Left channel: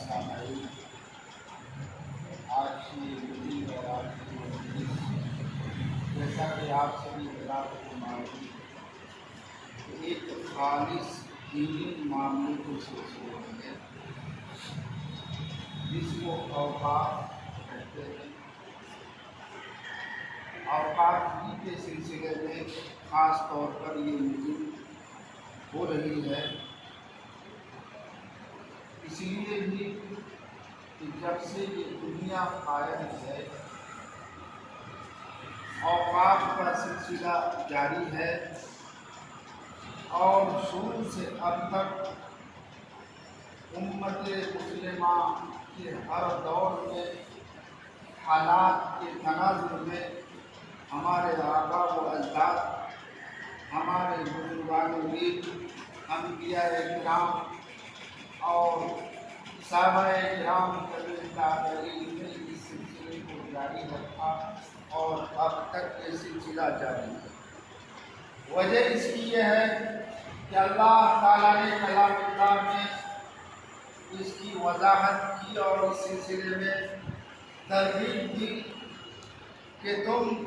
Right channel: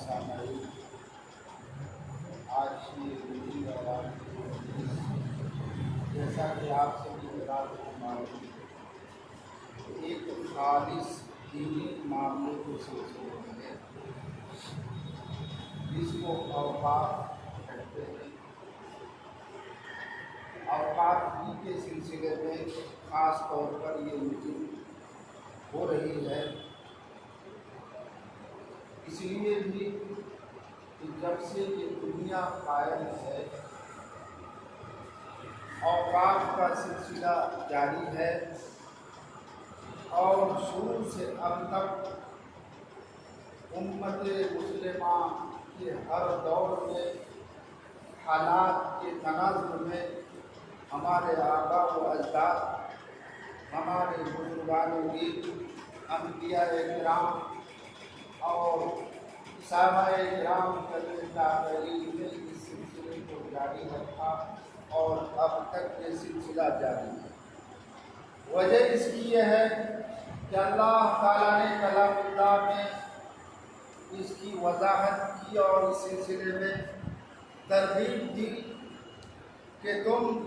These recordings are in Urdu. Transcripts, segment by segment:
سامعین، آج کی دن اور آج کی مجلس، جیسا کہ آپ سبھی حضرات کو معلوم ہے، ایک خالص دینی معاملے کے سلسلے میں ہے جس کو اوقات کہتے ہیں۔ اوقات ہی کے سلسلے میں خاص طور پر یہ میٹنگ ہو رہی ہے، اس لیے بھی کہ جب سے یہ دنیا قائم ہے اوقات کا سلسلہ جاری ہے، اور شروع سے اب تک امت مسلمہ کے ہر دور میں حالات کے تناظر میں ہمارے آباء و اجداد، ہمارے بزرگان دین، انبیاء کرام اور صحابہ کرام تابعین نے اس سلسلے کو جاری رکھا اور اب تک یہ سلسلہ جاری ہے۔ وجہ اس کی یہ ہے کہ اللہ تعالیٰ نے کلام اللہ میں اس کی وضاحت کی اور اس سلسلے میں ترغیب دی کہ تم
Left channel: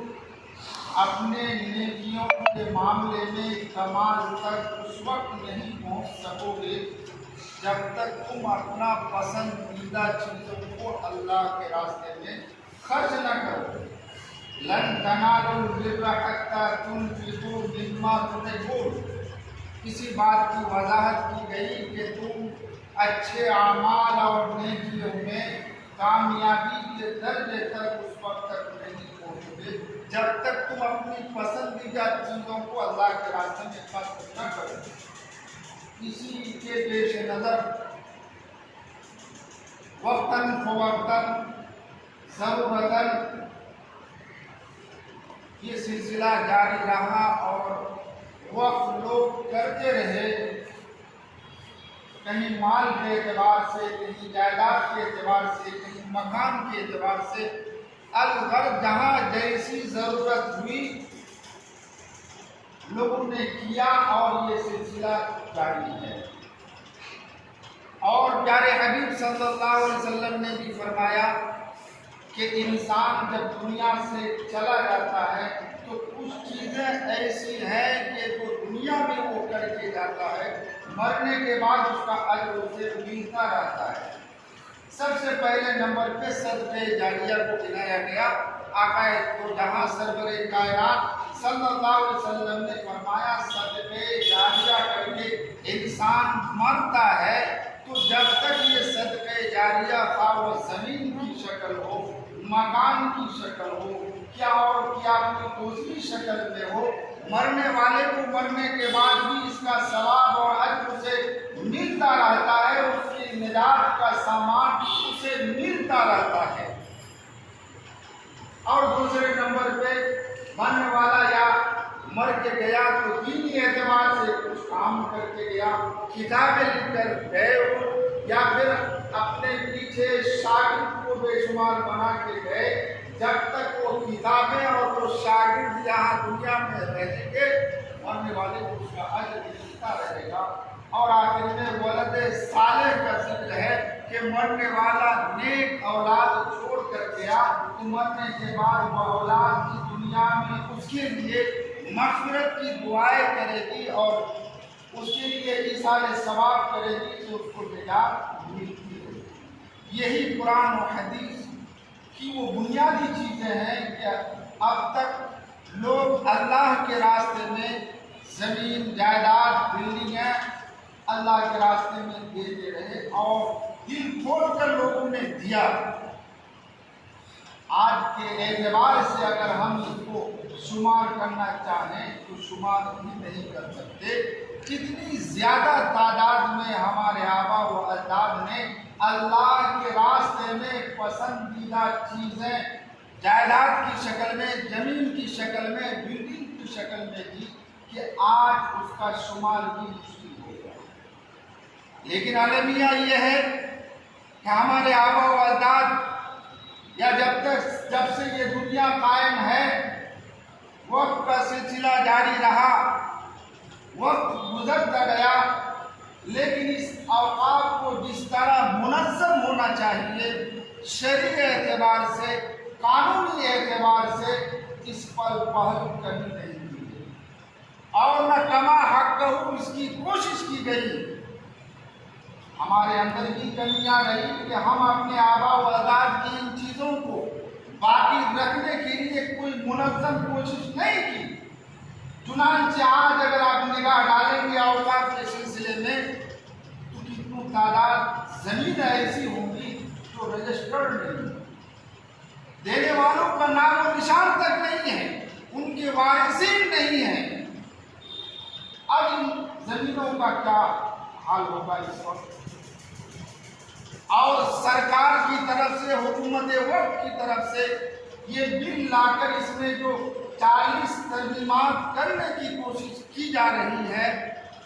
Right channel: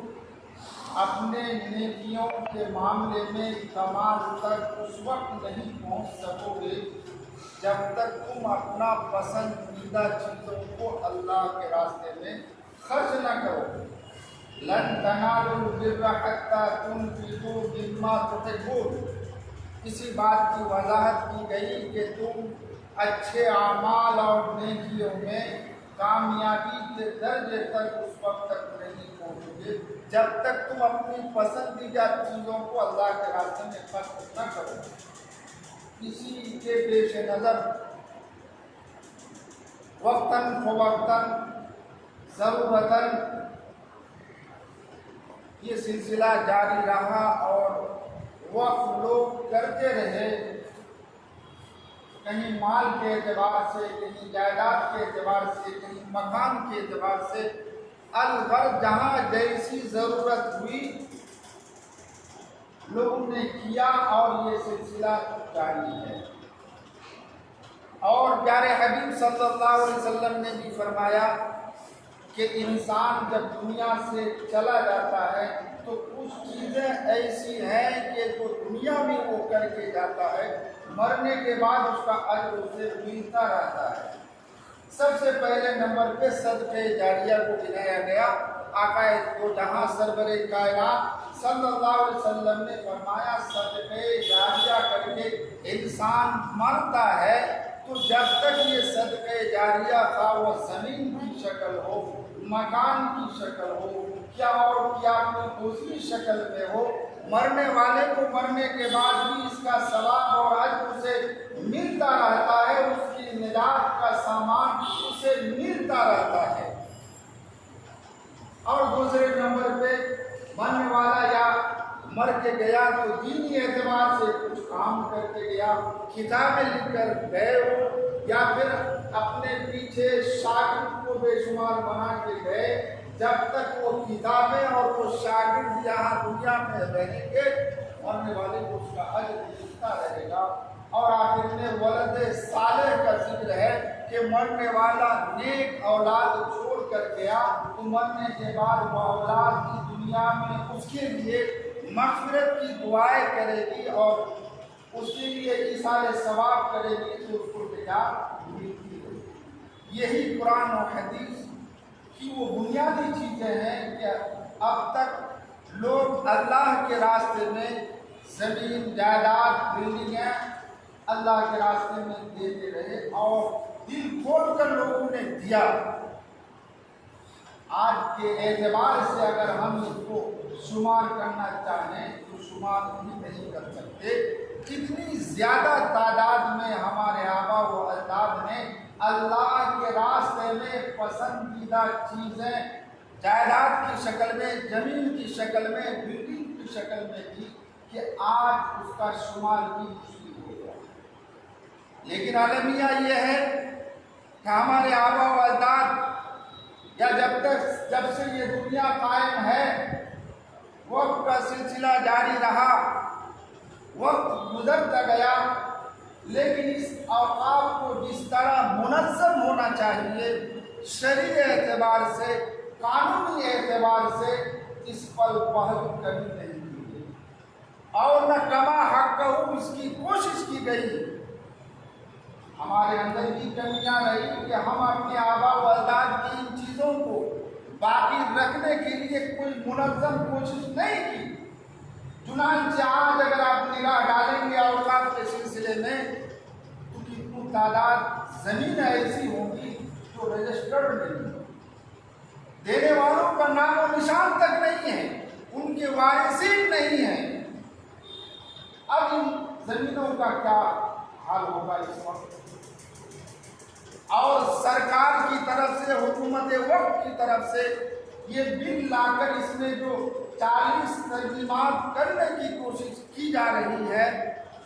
اپنے نیکیوں کے معاملے میں کمال تک اس وقت نہیں پہنچ سکو گے جب تک تم اپنا پسندیدہ چیزوں کو اللہ کے راستے میں خرچ نہ کرو۔ لن تنالوا البر حتى تنفقوا مما تحبون۔ اسی بات کی وضاحت کی گئی کہ تم اچھے اعمال اور نیکیوں میں کامیابی کے درجے تک اس وقت تک نہیں پہنچو گے جب تک تم اپنی پسندیدہ چیزوں کو اللہ کے راستے میں خرچ نہ کرو۔ اسی کے پیش نظر وقتاً فوقتاً ضرورتاً یہ سلسلہ جاری رہا اور وقف لوگ کرتے رہے، کہیں مال کے اعتبار سے، کہیں جائیداد کے اعتبار سے، کہیں مکان کے اعتبار سے، الغرض جہاں جیسی ضرورت ہوئی لوگوں نے کیا اور یہ سلسلہ جاری ہے۔ اور پیارے حبیب صلی اللہ علیہ وسلم نے بھی فرمایا کہ انسان جب دنیا سے چلا جاتا ہے تو کچھ چیزیں ایسی ہیں کہ جو دنیا میں وہ کر کے جاتا ہے، مرنے کے بعد اس کا اجر اسے ملتا رہتا ہے۔ سب سے پہلے نمبر پہ صدقہ جاریہ کو گنایا گیا۔ آقا دو جہاں سرور کائنات صلی اللہ علیہ وسلم نے فرمایا صدقہ جاریہ کر کے انسان مرتا ہے تو جب تک یہ صدقہ جاریہ خواہ وہ زمین کی شکل ہو، مکان کی شکل ہو، کیا اور کیا کوئی دوسری شکل میں ہو، مرنے والے کو مرنے کے بعد بھی اس کا ثواب اور اجر اسے ملتا رہتا ہے، اس کی نجات کا سامان اسے ملتا رہتا ہے۔ اور دوسرے نمبر پہ مرنے والا یا مر کے گیا تو دینی اعتبار سے کچھ کام کر کے گیا، کتابیں لکھ کر گئے ہو، یا پھر اپنے پیچھے شاگرد کو بے شمار بنا کے گئے، جب تک وہ کتابیں اور وہ شاگرد یہاں دنیا میں رہیں گے مرنے والے کو اس کا اجر ملتا رہے گا۔ اور آخر میں ولد صالح کا ذکر ہے کہ مرنے والا نیک اولاد چھوڑ کر گیا تو مرنے کے بعد وہ اولاد کی دنیا میں اس کے لیے مغفرت کی دعائیں کرے گی اور اس کے لیے ایصال ثواب کرے گی تو اس کو نجات ملتی ہے۔ یہی قرآن و حدیث کی وہ بنیادی چیزیں ہیں کہ اب تک لوگ اللہ کے راستے میں زمین، جائیداد، بلڈنگیں اللہ کے راستے میں دیتے رہے اور دل کھول کر لوگوں نے دیا۔ آج کے اعتبار سے اگر ہم اس کو شمار کرنا چاہیں تو شمار بھی نہیں کر سکتے، کتنی زیادہ تعداد میں ہمارے آباء و اجداد نے اللہ کے راستے میں پسندیدہ چیزیں جائیداد کی شکل میں، زمین کی شکل میں، بلڈنگ کی شکل میں دی کہ آج اس کا شمار بھی مشکل ہو گیا۔ لیکن المیہ یہ ہے کہ ہمارے آباء و اجداد یا جب سے یہ دنیا قائم ہے وقت کا سلسلہ جاری رہا، وقت گزرتا گیا لیکن اس اوقاف کو جس طرح منظم ہونا چاہیے شرعی اعتبار سے، قانونی اعتبار سے، اس پر پہل کبھی نہیں کی گئی اور نہ کما حق اس کی کوشش کی گئی۔ ہمارے اندر بھی کمیاں رہی کہ ہم اپنے آباء و اجداد کی ان چیزوں کو باقی رکھنے کے لیے کوئی منظم کوشش نہیں کی۔ چنانچہ آج اگر آپ نگاہ ڈالیں گے اوقاف کے سلسلے میں تو کتنی تعداد زمین ایسی ہوگی جو رجسٹرڈ نہیں ہے، دینے والوں کا نام و نشان تک نہیں ہے، ان کے وارثین نہیں ہیں۔ اب ان زمینوں کا کیا حال ہوگا اس وقت؟ اور سرکار کی طرف سے، حکومت وقت کی طرف سے یہ بل لا کر اس میں جو 40 ترمیمات کرنے کی کوشش کی جا رہی ہے،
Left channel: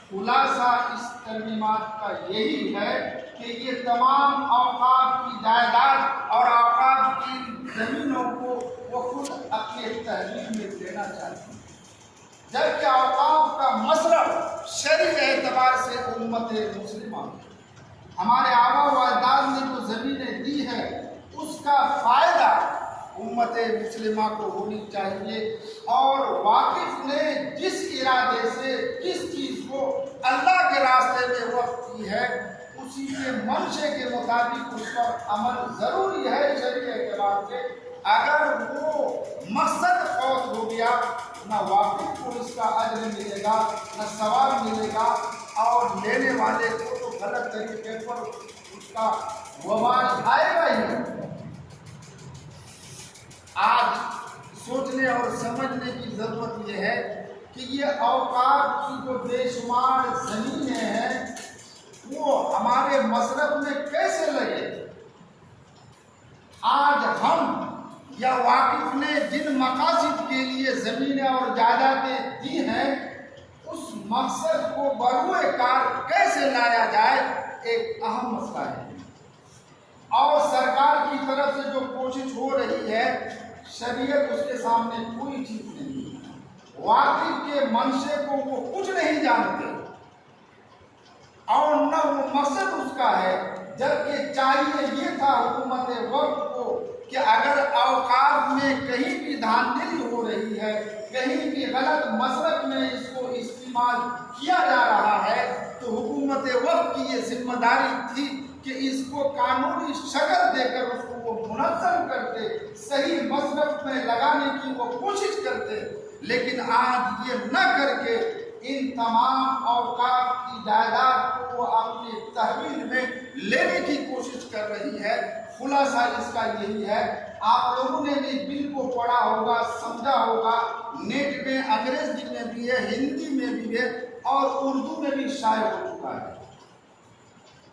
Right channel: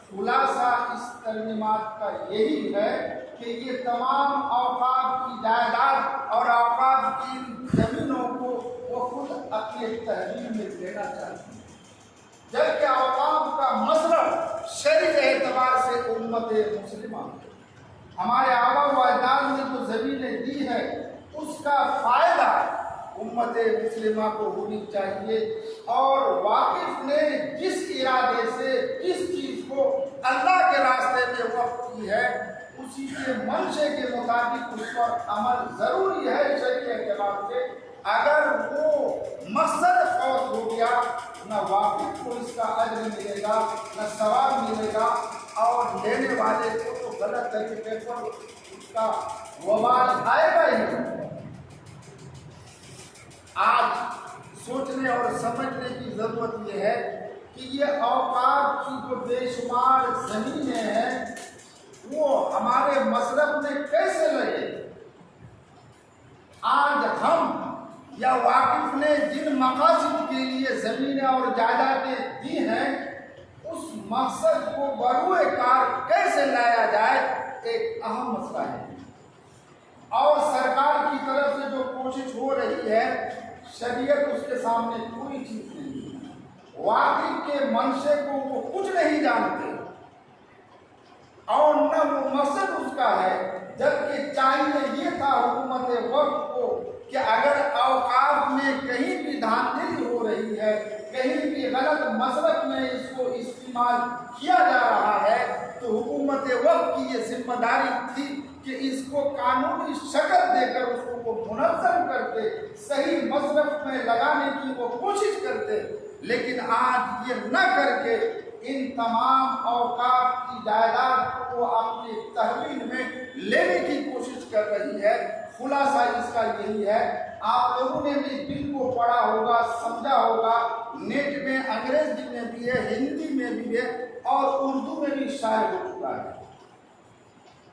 خلاصہ اس ترمیمات کا یہی ہے کہ یہ تمام اوقاف کی جائیداد اور اوقاف کی زمینوں کو وہ خود اپنے تحویل میں لینا چاہتے ہیں، جبکہ اوقاف کا مصرف شرعی اعتبار سے امت مسلمہ ہمارے آباء و اجداد نے جو زمینیں دی ہے اس کا فائدہ امت مسلمہ کو ہونی چاہیے، اور واقف نے جس ارادے سے جس چیز کو اللہ کے راستے میں وقف کی ہے اسی کے منشے کے مطابق اس پر عمل ضروری ہے شرعی اعتبار سے۔ اگر وہ مقصد فوت ہو گیا نہ واقف کو اس کا اجر ملے گا نہ ثواب ملے گا، اور لینے والے کو تو غلط طریقے پر اس کا وبال آئے گا ہی۔ آج سوچنے اور سمجھنے کی ضرورت یہ ہے کہ یہ اوقاف کی جو بے شمار زمینیں ہیں وہ ہمارے مصرف میں کیسے لگے؟ آج ہم یا واقف نے جن مقاصد کے لیے زمینیں اور جائیدادیں دی ہیں اس مقصد کو بروئے کار کیسے لایا جائے ایک اہم مسئلہ ہے، اور سرکار کی طرف سے جو کوشش ہو رہی ہے شریعت اس کے سامنے کوئی چیز نہیں ہے، واقف کے منشے کو وہ کچھ نہیں جانتے اور نہ وہ مقصد اس کا ہے، جبکہ چاہیے یہ تھا حکومت وقت کو کہ اگر اوقاف میں کہیں بھی دھاندلی ہو رہی ہے، کہیں بھی غلط مصرف میں اس کو استعمال کیا جا رہا ہے تو حکومت وقت کی یہ ذمہ داری تھی کہ اس کو قانونی شکل دے کر اس کو وہ منظم کرتے، صحیح مصرف میں لگانے کی وہ کوشش کرتے، لیکن آج یہ نہ کر کے ان تمام اوقاف کی جائیداد کو اپنے تحویل میں لینے کی کوشش کر رہی ہے۔ خلاصہ اس کا یہی ہے، آپ لوگوں نے بھی بل کو پڑھا ہوگا، سمجھا ہوگا، نیٹ میں انگریزی میں بھی ہے، ہندی میں بھی ہے اور اردو میں بھی شائع ہو چکا ہے،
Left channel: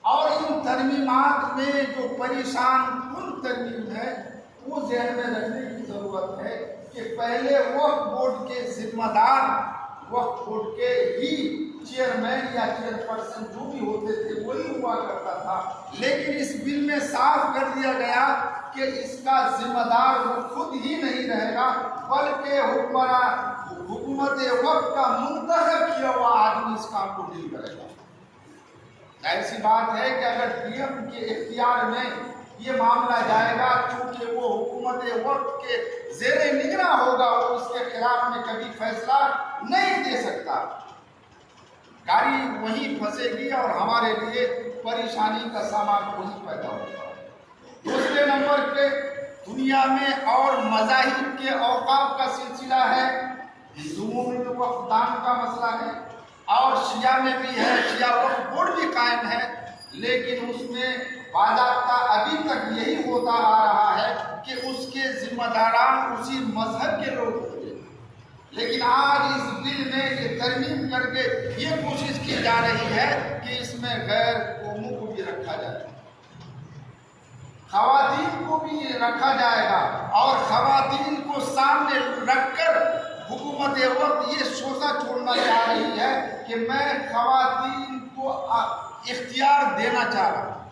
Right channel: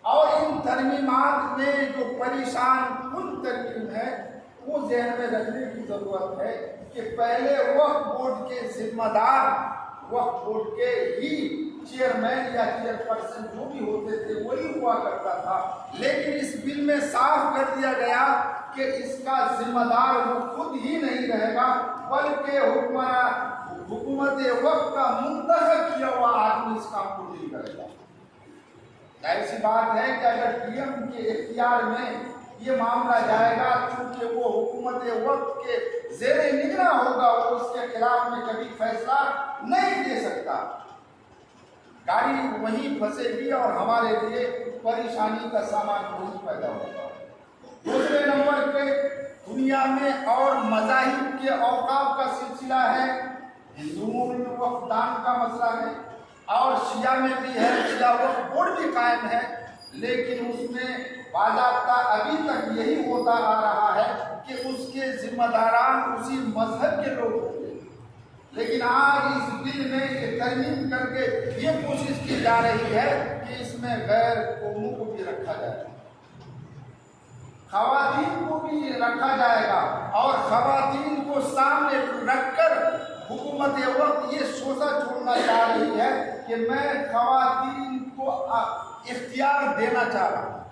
اور ان ترمیمات میں جو پریشان کن ترمیم ہے وہ ذہن میں رکھنے کی ضرورت ہے کہ پہلے وقف بورڈ کے ذمہ دار وقف بورڈ کے ہی چیئرمین یا چیئرپرسن جو بھی ہوتے تھے وہی ہوا کرتا تھا، لیکن اس بل میں صاف کر دیا گیا کہ اس کا ذمہ دار وہ خود ہی نہیں رہے گا بلکہ حکومت وقت کا منتخب کیا ہوا آدمی اس کام کو ڈیل کرے گا۔ ظاہر سی بات ہے کہ اگر پی ایم کے اختیار میں یہ معاملہ جائے گا چونکہ وہ حکومت وقت کے زیر نگراں ہوگا، وہ اس کے خلاف میں کبھی فیصلہ نہیں دے سکتا، گاڑی وہیں پھنسے گی اور ہمارے لیے پریشانی کا سامان وہیں پیدا ہوگا۔ دوسرے نمبر پہ دنیا میں اور مذاہب کے اوقاف کا سلسلہ ہے، ہندوؤں میں بھی وقف دان کا مسئلہ ہے اور شیعہ میں بھی ہے، شیعہ وقف بورڈ بھی قائم ہے، لیکن اس میں باضابطہ ابھی تک یہی ہوتا آ رہا ہے کہ اس کے ذمہ داران اسی مذہب کے لوگ ہوں گے، لیکن آج اس بل میں یہ ترمیم کر کے یہ کوشش کی جا رہی ہے کہ اس میں غیر قوموں کو بھی رکھا جائے، خواتین کو بھی رکھا جائے گا، اور خواتین کو سامنے رکھ کر حکومت وقت یہ شوشہ چھوڑنا چاہ رہی ہے کہ میں خواتین کو اختیار دینا چاہ رہا ہوں،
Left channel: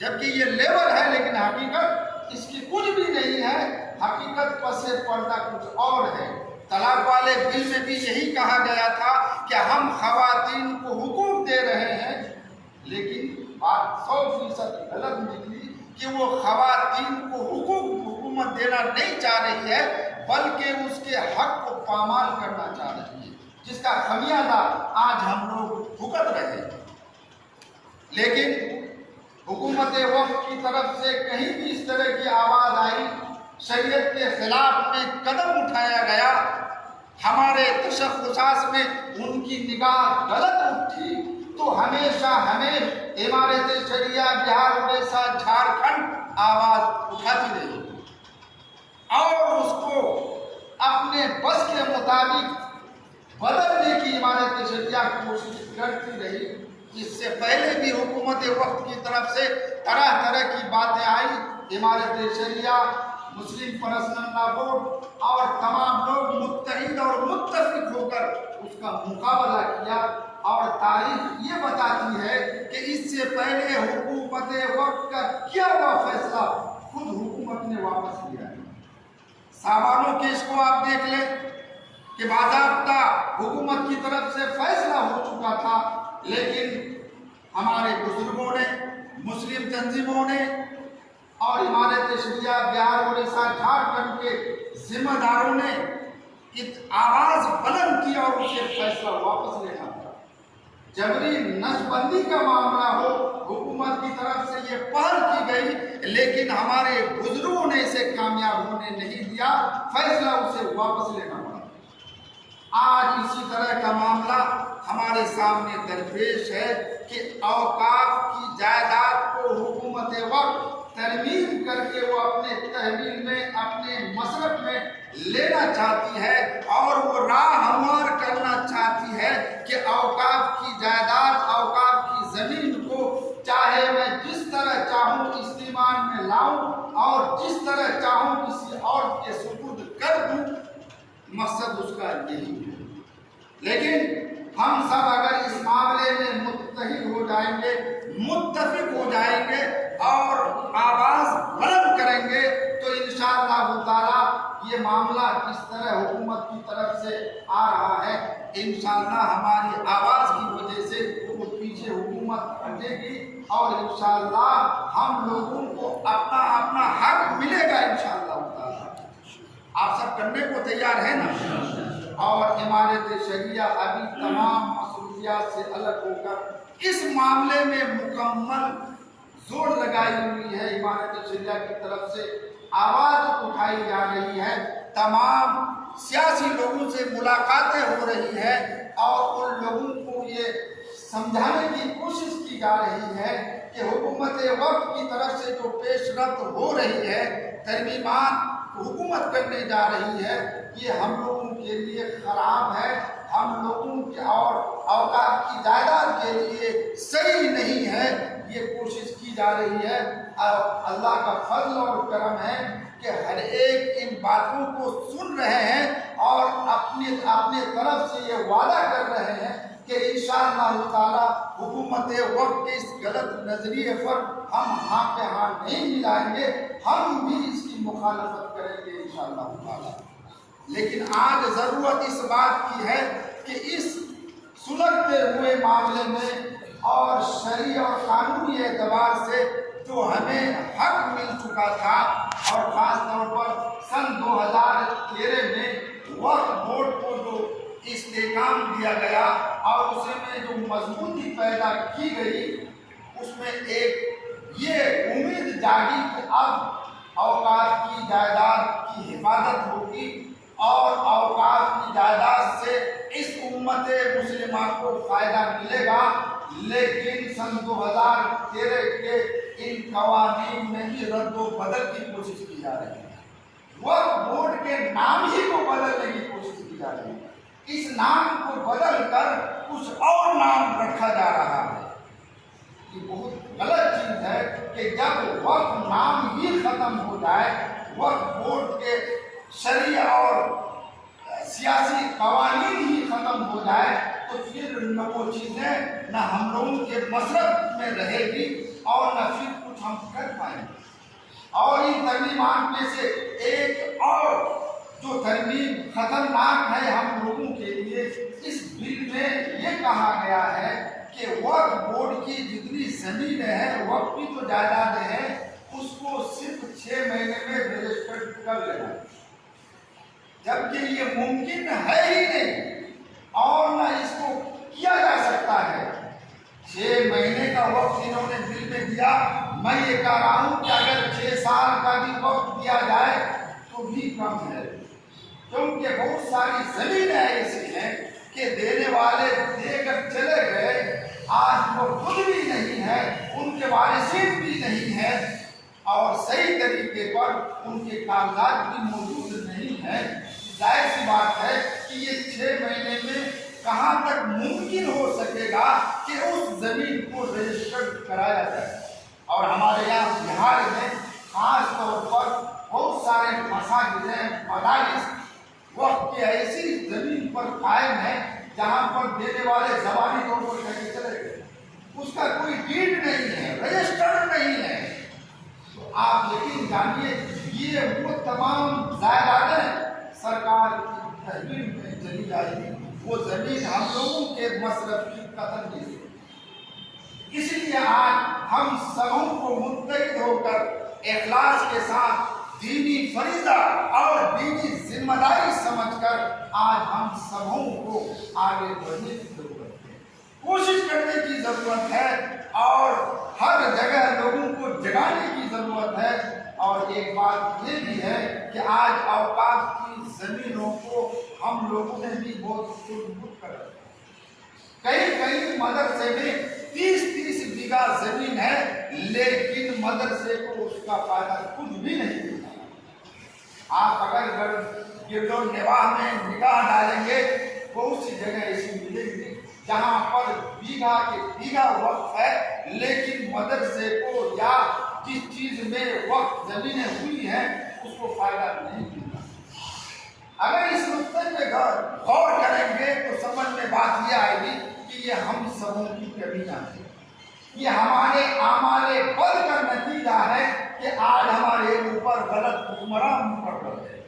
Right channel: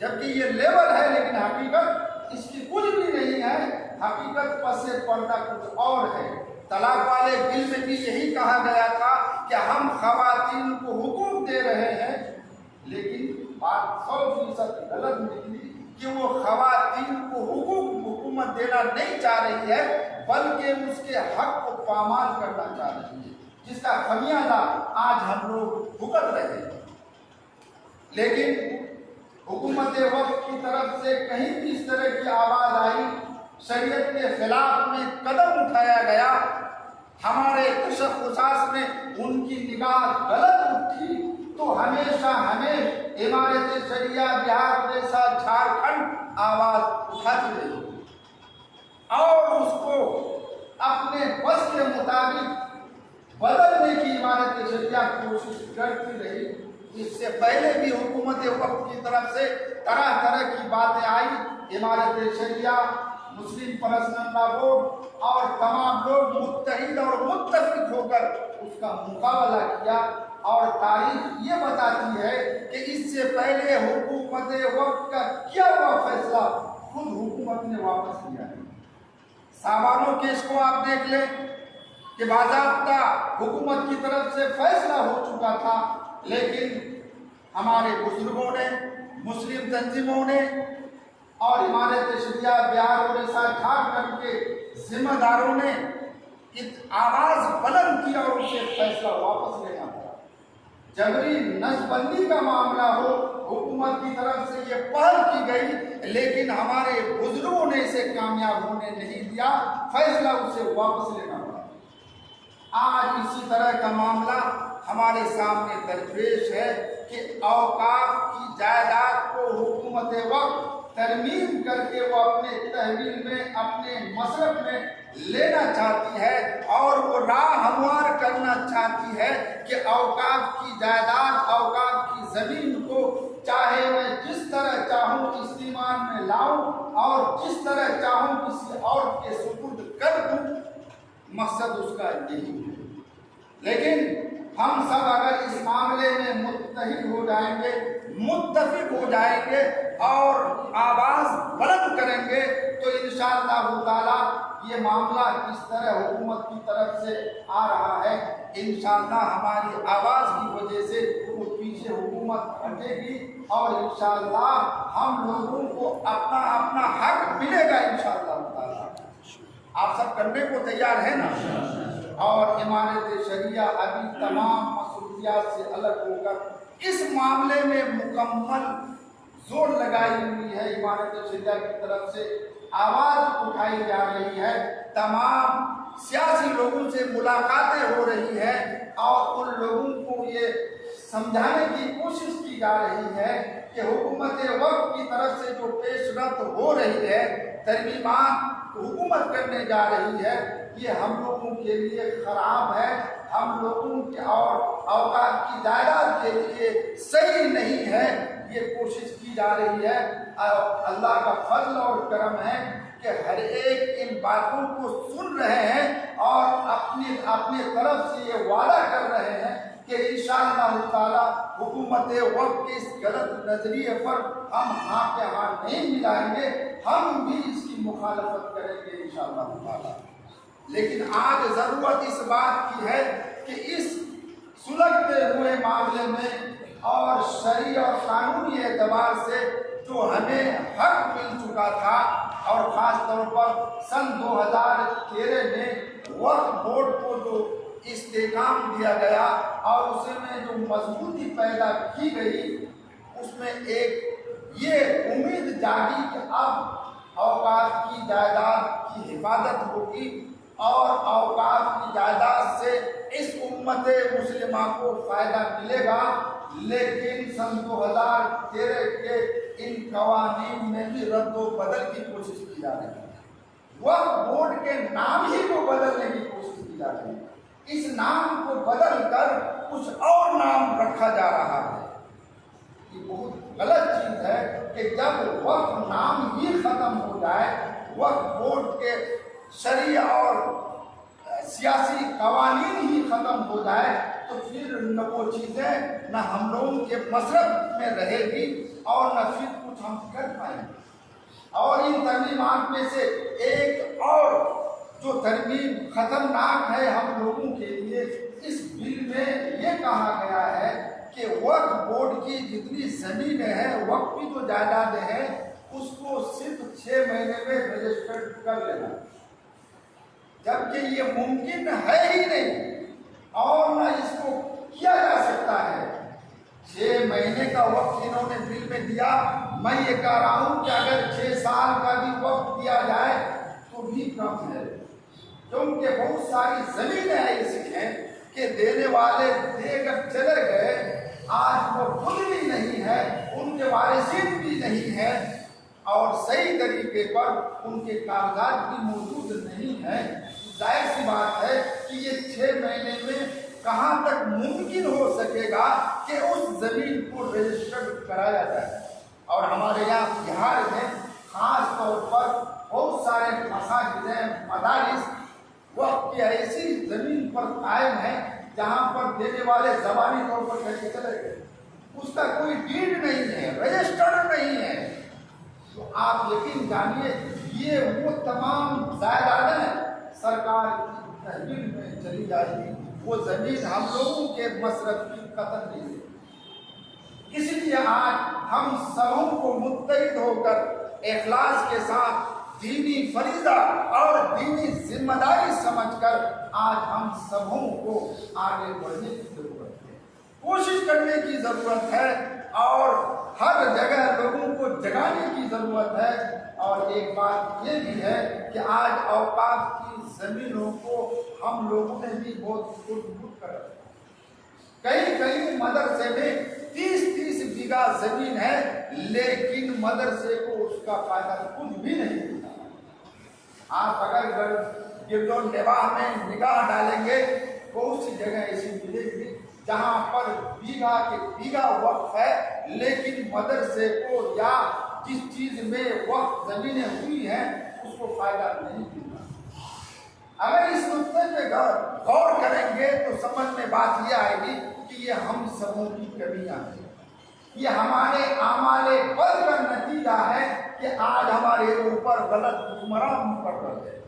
جبکہ یہ لیبل ہے لیکن حقیقت اس کی کچھ بھی نہیں ہے، حقیقت پس پردہ کچھ اور ہے۔ طلاق والے بل میں بھی یہی کہا گیا تھا کہ ہم خواتین کو حقوق دے رہے ہیں، بات 100% غلط نکلی کہ وہ خواتین کو حکومت دینا نہیں چاہ رہی ہے، بلکہ اس کے حق کو پامال کرنا چاہ رہی ہے، جس کا خمیازہ آج ہم لوگ بھگت رہے ہیں۔ لیکن حکومت وقت کی طرف سے کہیں بھی اس طرح کی آواز آئی، شریعت کے خلاف میں قدم اٹھایا گیا، ہمارے تشخصات میں ان کی نگاہ غلط اٹھی، تو ہمیشہ ہمیں عمارت شریعہ بہار، اڑیسہ، جھارکھنڈ آواز اٹھاتی رہی اور اس کو اپنے بس کے مطابق بدلنے کی عمارت شریعہ کوشش کرتی رہی۔ اس سے پہلے بھی حکومت وقت کی طرف سے طرح طرح کی باتیں آئی، عمارت شریعہ، مسلم پرسنل لا بورڈ اور تمام لوگ متحد اور متفق ہو کر اس کا مقابلہ کیا، اور تاریخ یہ بتاتی ہے کہ اس سے پہلے حکومت وقت کا کیا ہوا فیصلہ خود حکومت نے واپس لیا ہے۔ ساوانوں کیس کو آپ دیکھ لیں کہ باضابطہ حکومت کی طرف سے فیصلہ ہو چکا تھا، لیکن ہمارے بزرگوں نے، مسلم تنظیموں نے اور عمارت شریعہ بہار، اڑیسہ، جھارکھنڈ کے ذمہ داروں نے آواز بلند کی اور اسے فیصلہ واپس لینا پڑا۔ جبری نسب بندی کا معاملہ ہو، حکومت کی طرف سے یہ پہل کی گئی، لیکن ہمارے بزرگوں نے اسے کامیاب ہونے نہیں دیا، فیصلہ اسے واپس لینا پڑا۔ آج اسی طرح کا معاملہ ہمارے سامنے درپیش ہے کہ اوقاف کی جائیداد کو حکومت وقت ترمیم کر کے وہ اپنے تحویل میں، اپنے مصرف میں لینا چاہتی ہے، اور وہ راہ ہموار کرنا چاہتی ہے کہ اوقاف کی جائیداد، اوقاف کی زمین کو چاہے میں جس طرح چاہوں استعمال میں لاؤں اور جس طرح چاہوں کسی اور کے سپرد کر دوں، مقصد اس کا یہی ہے۔ لیکن ہم سب اگر اس معاملے میں متحد ہو جائیں گے، متفق ہو جائیں گے اور آواز بلند کریں گے، تو انشاءاللہ تعالی یہ معاملہ کس طرح حکومت کی طرف سے آ رہا ہے، انشاءاللہ ہماری آواز کی وجہ سے وہ پیچھے حکومت ہٹے گی، اور انشاءاللہ ہم لوگوں کو اپنا اپنا حق ملے گا انشاءاللہ تعالی۔ آپ سب کرنے کو تیار ہیں نا؟ اور عمارت شریعہ ابھی تمام مسئولیات سے الگ ہو کر اس معاملے میں مکمل زور لگائی ہوئی ہے۔ عمارت شریعہ کی طرف سے آواز اٹھائی جا رہی ہے، تمام سیاسی لوگوں سے ملاقاتیں ہو رہی ہیں، اور ان لوگوں کو یہ سمجھانے کی کوشش کی جا رہی ہے کہ حکومت وقت کی طرف سے جو پیش رفت ہو رہی ہے، ترمیمات حکومت کرنے جا رہی ہے، یہ ہم لوگوں کے لیے خراب ہے، ہم لوگوں کے اور اوقات کی جائیداد کے لیے صحیح نہیں ہے۔ یہ کوشش کی جا رہی ہے، اللہ کا فضل اور کرم ہے کہ ہر ایک ان باتوں کو سن رہے ہیں اور اپنے طرف سے یہ وعدہ کر رہے ہیں کہ انشاءاللہ تعالی حکومت وقت کے اس غلط نظریے پر ہم ہاتھ پہ ہاتھ نہیں ملائیں گے، ہم بھی اس کی مخالفت کریں گے انشاءاللہ تعالی۔ لیکن آج ضرورت اس بات کی ہے کہ اس سلگتے ہوئے معاملے میں اور شرعی اور قانونی اعتبار سے جو ہمیں حق مل چکا تھا، اور خاص طور پر سن 2013 میں وقف بورڈ کو جو استحکام دیا گیا اور اسے میں جو مضبوطی پیدا کی گئی، اس میں ایک یہ امید جاگی کہ اب اوقاف کی جائیداد کی حفاظت ہوگی اور اوقاف کی جائیداد سے اس امت مسلمہ کو فائدہ ملے گا۔ لیکن سن 2013 کے ان قوانین میں بھی رد و بدل کی کوشش کی جا رہی ہے، وقف بورڈ کے نام ہی کو بدلنے کی کوشش کی جا رہی ہے، اس نام کو بدل کر کچھ اور نام رکھا جا رہا ہے۔ یہ بہت غلط چیز ہے کہ جب وقف نام ہی ختم ہو جائے، وقف بورڈ کے شرعی اور سیاسی قوانین ہی ختم ہو جائے، تو پھر وہ چیزیں نہ ہم لوگوں کے مصرف میں رہے گی اور نہ پھر کچھ ہم کر پائیں گے۔ اور ان ترمیمات میں سے ایک اور جو ترمیم خطرناک ہے ہم لوگوں کے لیے، اس بل میں یہ کہا گیا ہے کہ کہ وقف بورڈ کی جتنی زمین ہے، وقف کی جو جائیدادیں ہیں، اس کو صرف 6 مہینے میں رجسٹر کر لینا، جبکہ یہ ممکن ہے ہی نہیں اور نہ اس کو کیا جا سکتا ہے۔ 6 مہینے کا وقت انہوں نے بل میں دیا۔ میں یہ کہہ رہا ہوں کہ اگر 6 سال کا بھی وقت دیا جائے تو بھی کم ہے، کیونکہ بہت ساری زمینیں ایسی ہیں کہ دینے والے دے کر چلے گئے، آج وہ خود بھی نہیں ہے، ان کے وارثین بھی نہیں ہے، اور صحیح طریقے پر ان کے کاغذات بھی موجود نہیں ہیں۔ ظاہر سی بات ہے کہ یہ 6 مہینے میں کہاں تک ممکن ہو سکے گا کہ اس زمین کو رجسٹرڈ کرایا جائے۔ اور ہمارے یہاں بہار میں خاص طور پر بہت سارے مساجد ہیں، مدارس وقت کی ایسی زمین پر قائم ہیں جہاں پر دینے والے زبانی طور پر کہیں چلے گئے، اس کا کوئی ڈیڈ نہیں ہے، رجسٹرڈ نہیں ہے۔ تو آپ یقین جانیے یہ وہ تمام جائیدادیں سرکار کی تحویل میں چلی جائے گی، وہ زمین ہم لوگوں کے مصرف کی قطر نہیں ہے۔ اس لیے آج ہم سبوں کو متحد ہو کر اخلاص کے ساتھ دینی فریضہ اور دینی ذمہ داری سمجھ کر آج ہم سبوں کو آگے بڑھنے کی ضرورت ہے، کوشش کرنے کی ضرورت ہے، اور ہر جگہ لوگوں کو جگانے کی ضرورت ہے۔ اور ایک بات یہ بھی ہے کہ آج اوقاف کی زمینوں کو ہم لوگوں نے بھی بہت خود کر رکھا ہے۔ کئی مدرسے میں 30 بیگھہ زمین ہے، لیکن مدرسے کو اس کا فائدہ کچھ بھی نہیں ملتا۔ آپ اگر گرد و نواح میں نگاہ ڈالیں گے، بہت سی جگہ ایسی ملے گی جہاں پر بیگھہ کے بیگھہ وقف ہے، لیکن مدرسے کو یا جس چیز میں وقف زمینیں ہوئی ہیں اس کو فائدہ نہیں ملتا۔ اگر اس نقطے پہ غور کریں گے تو سمجھ میں بات یہ آئے گی کہ یہ ہم سبوں کی کمیاں ہیں، یہ ہمارے اعمال بد کا نتیجہ ہے کہ آج ہمارے اوپر غلط حکمران مقرر ہے۔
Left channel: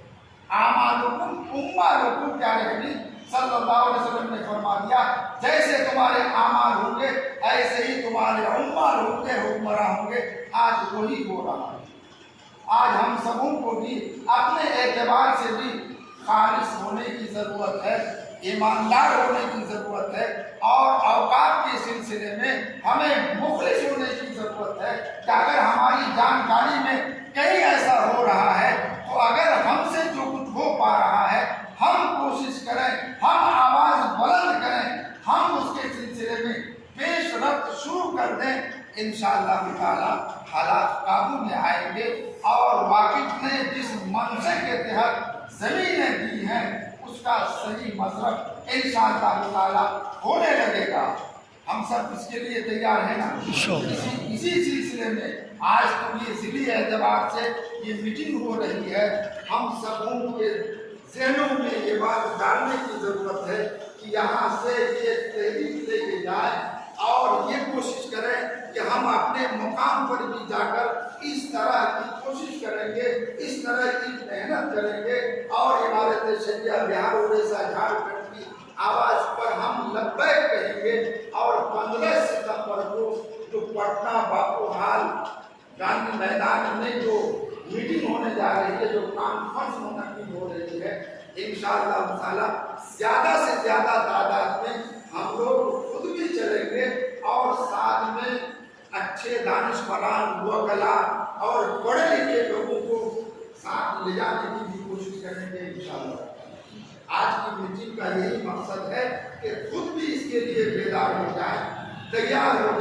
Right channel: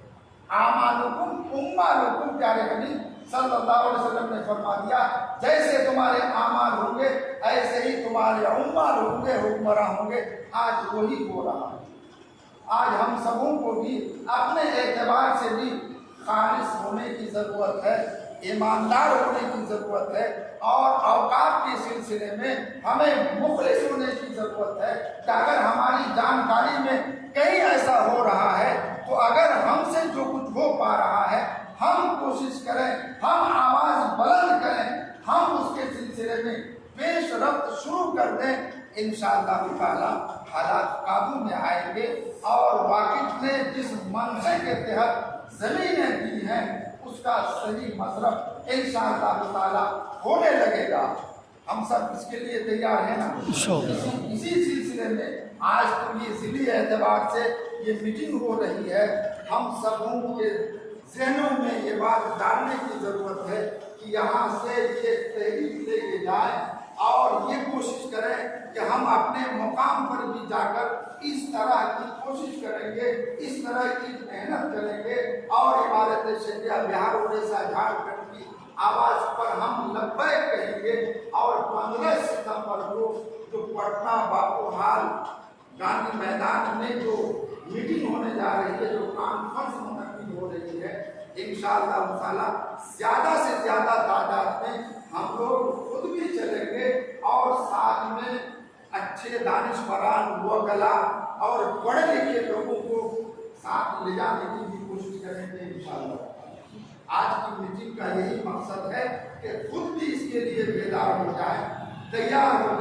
اعمالکم پیارے نبی صلی اللہ علیہ وسلم نے فرما دیا، جیسے تمہارے اعمال ہوں گے ایسے ہی تمہارے اعمال ہوں گے، حکمراں ہوں گے۔ آج وہی ہو رہا ہے۔ آج ہم سبوں کو بھی اپنے اعتبار سے بھی خالص ہونے کی ضرورت ہے، ایماندار ہونے کی ضرورت ہے، اور اوقات کے سلسلے میں ہمیں مخلص ہونے کی ضرورت ہے کہ اگر ہماری جانکاری میں کہیں ایسا ہو رہا ہے تو اگر ہم سے جو کچھ ہو پا رہا ہے ہم کوشش کریں، ہم آواز بلند کریں، ہم اس کے سلسلے میں پیش رفت شروع کر دیں، انشاءاللہ تعالی حالات قابو میں آئیں گے، اور واقف نے جس منشے کے تحت زمینیں دی ہیں اس کا صحیح مصرف انشاءاللہ تعالی ہونے لگے گا۔ ہم سب اس کے لیے تیار ہیں نا؟ اسی سلسلے میں آج تو یہ ذیلی اعتبار سے یہ میٹنگ ہو رہی ہے، ہم سبوں کے ذہنوں میں یہ بات ڈالنے کی ضرورت ہے کہ یہاں سے یہ تحریک لے کے جائیں اور یہ کوشش کریں کہ ہم اپنے مقام پر بھی جا کر اس طرح کی کوشش کریں گے، اس طرح کی محنت کریں گے، اور عمارت شریعہ بہار اڑیسہ جھارکھنڈ کی آواز پر ہم لبیک کہیں گے، اور 15 ستمبر کو جو پٹنہ باپو ہال گاندھی میدان میں جو میٹنگ ہونے جا رہی ہے، جو کانفرنس منعقد ہو رہی ہے، انشاءاللہ تعالی زیادہ سے زیادہ تعداد میں ہم لوگ خود بھی چلیں گے، اور ساتھ میں اچھے دانشوران، وکلا اور پڑھے لکھے لوگوں کو ساتھ لے جانے کی بھی کوشش کریں گے انشاءاللہ۔ آج کی میٹنگ کا یہی مقصد ہے کہ خود بھی اس کے لیے بیدار ہو جائیں، تیار ہو جائیں۔